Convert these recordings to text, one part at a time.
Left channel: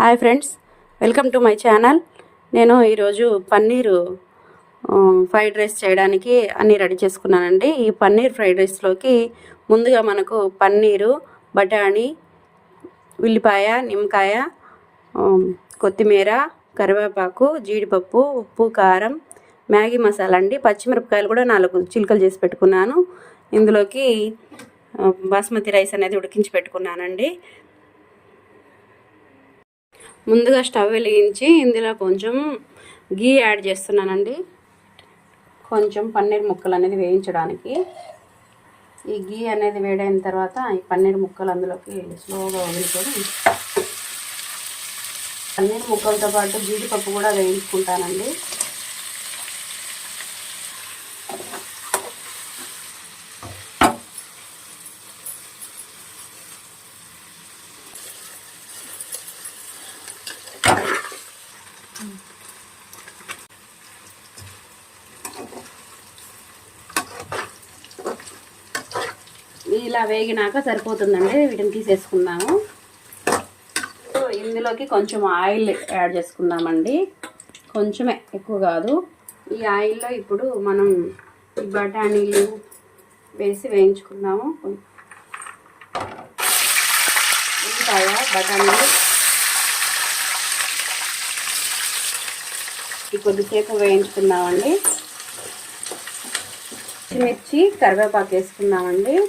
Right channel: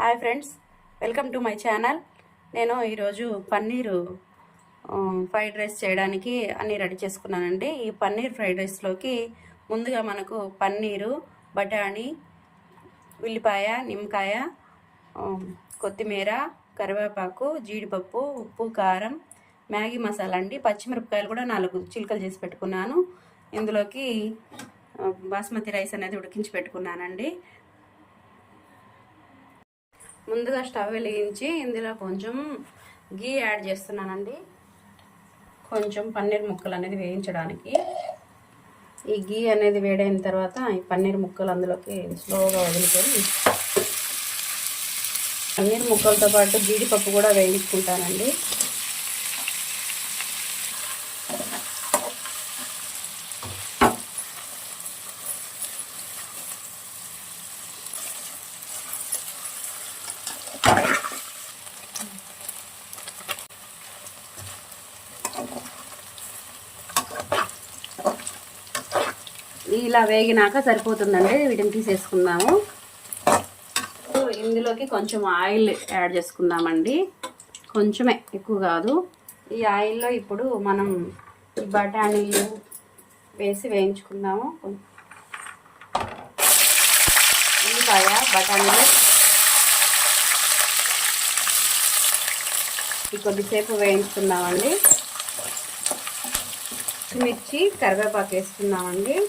Hi friends welcome to my channel. నేను ఈరోజు paneer fried rice చేయడానికి అన్నీ రెడీ చేసుకున్నానండి. ఈ పన్నీర్ ఫ్రైడ్ రైస్లోకి ముందుగా మనకు పన్నీరు బఠానీ ఉల్లిపాయ నిమ్మకాయ కొత్తిమీర కరివేపాకు జీడిపప్పు ఉప్పు కారం మ్యాగీ మసాలా అండి. పచ్చిమిరపకాయలు కూడా నాలుగు చిలుకలు చేసి పెట్టుకున్నాను. ఇందులోకి బాస్మతి రైస్ అనేది ఉడికించి పెట్టుకున్నానండి. ముందుగా స్టవ్ వెలిగించి ఇందులో కొంచెం గీ యాడ్ చేస్తున్నానండి. కొంచెం పన్నీర్ ముక్కలు అనేది వేయించడానికి. ఈ గీ అనేది వేడైన తర్వాత ఈ పన్నీర్ ముక్కలు అందులోకి స్లోగా వదులుకొని పన్నీర్ ముక్కలతో పాటు జీడిపప్పు కూడా వేయించుకుంటానండి. ఇలా వేగినాక సరిపోతుందండి. వీటిని తీసేసుకుందాము. సో ఇందులోకి కొంచెం ఆయిల్ యాడ్ చేసుకుందామండి. కొంచెమే ఎక్కువ కాదు. ఈ ఆయిల్లో ఇప్పుడు మనం బఠానీలు వేసి వేయించుకుందాము. ఉల్లిపాయ బఠానీలు. ఈ కొద్దిసేపు వేయించుకుందామండి. పచ్చిమిర్చి కరివేపాకు వేసుకుందామండి.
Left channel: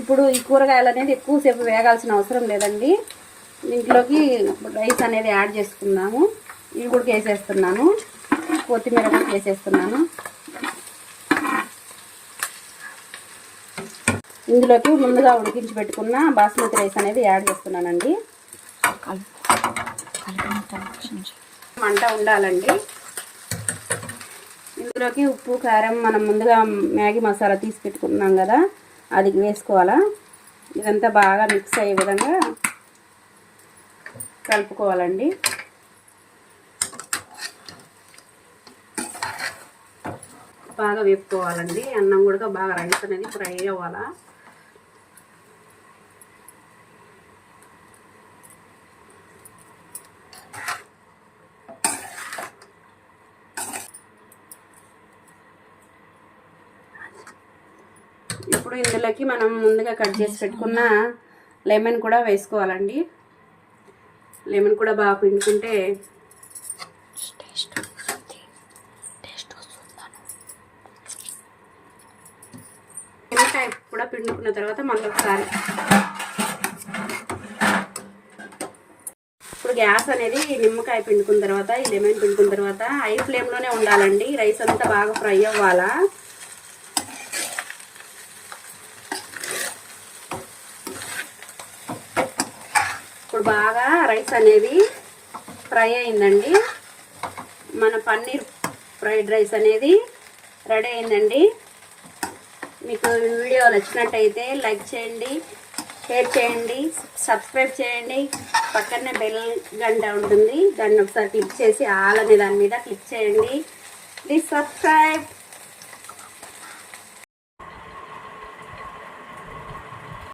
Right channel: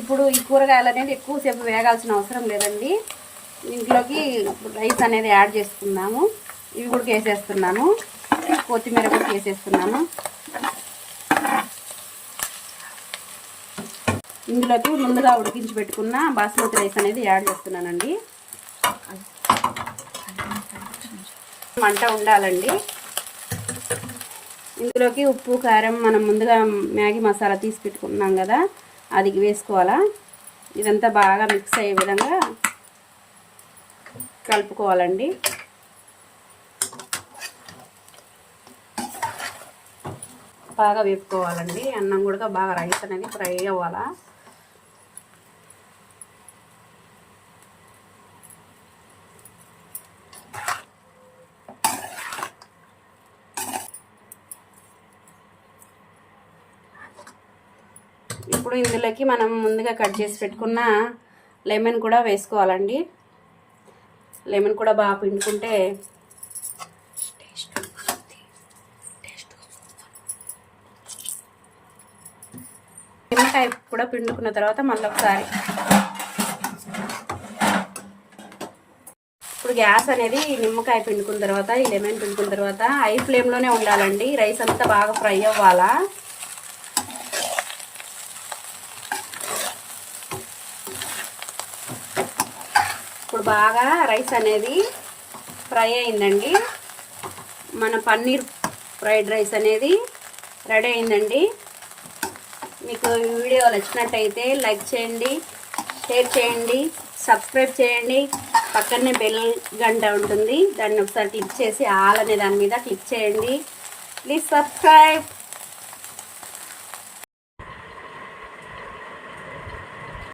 ఇప్పుడు ఈ కూరగాయలు అనేది ఎక్కువసేపు వేగాల్సిన అవసరం లేదండి. ఇంట్లోకి రైస్ అనేది యాడ్ చేసుకున్నాము ఇవి కూడా వేసేస్తున్నాను. కొత్తిమీర కూడా వేసేస్తున్నాను. ఇందులోకి ముందుగా ఉడికించి పెట్టుకున్న బాస్మతి రైస్ అనేది యాడ్ చేస్తున్నానండి. మంట ఉండాలండి. ఇందులోకి ఉప్పు కారం మనం ముందుగా మ్యాగీ మసాలా తీసి పెట్టుకున్నాం కదా. అది వేసుకోవాలా? ఇదంతా బాగా మిక్స్ అయ్యే విధంగా కలుపుకోవాలండి. బాగా వేపుకోవాలండి. అన్నం కూడా బాగా రైస్ అనేది ఫ్రై అవ్వాలా? ఇప్పుడు ఇందులోకి మనం ముందుగా కట్ చేసి పెట్టుకున్న లెమన్ కూడా వేసుకోవాలండి. లెమన్ కూడా బాగా పిండుకుంటే నిమ్మకాయ కూడా పిండుకున్న తర్వాత మళ్ళీ ఒకసారి. ఇప్పుడు గ్యాస్ అనేది నిమ్మకాయ పిండుకున్న తర్వాత ఈ లెమన్ పిండుకున్న తర్వాత హై ఫ్లేమ్లోనే ఉండాలండి. రైస్ అంతా బాగా ఫ్రై అవ్వాలా? ఇప్పుడు బాగా రైస్ అనేది ఫ్రై అయిందండి. మన పన్నీర్ ఫ్రైడ్ రైస్ అనేది రెడీ అయిందండి. మీకు ఈ వీడియో నచ్చినట్టయితే లైక్ చేయండి షేర్ చేయండి సబ్స్క్రైబ్ చేయండి. పక్కనే బెల్ గంట ఉంటుంది. దాన్ని ఒకసారి క్లిక్ చేసి ఆల్ అనే దాని మీద క్లిక్ చేయండి. Please subscribe.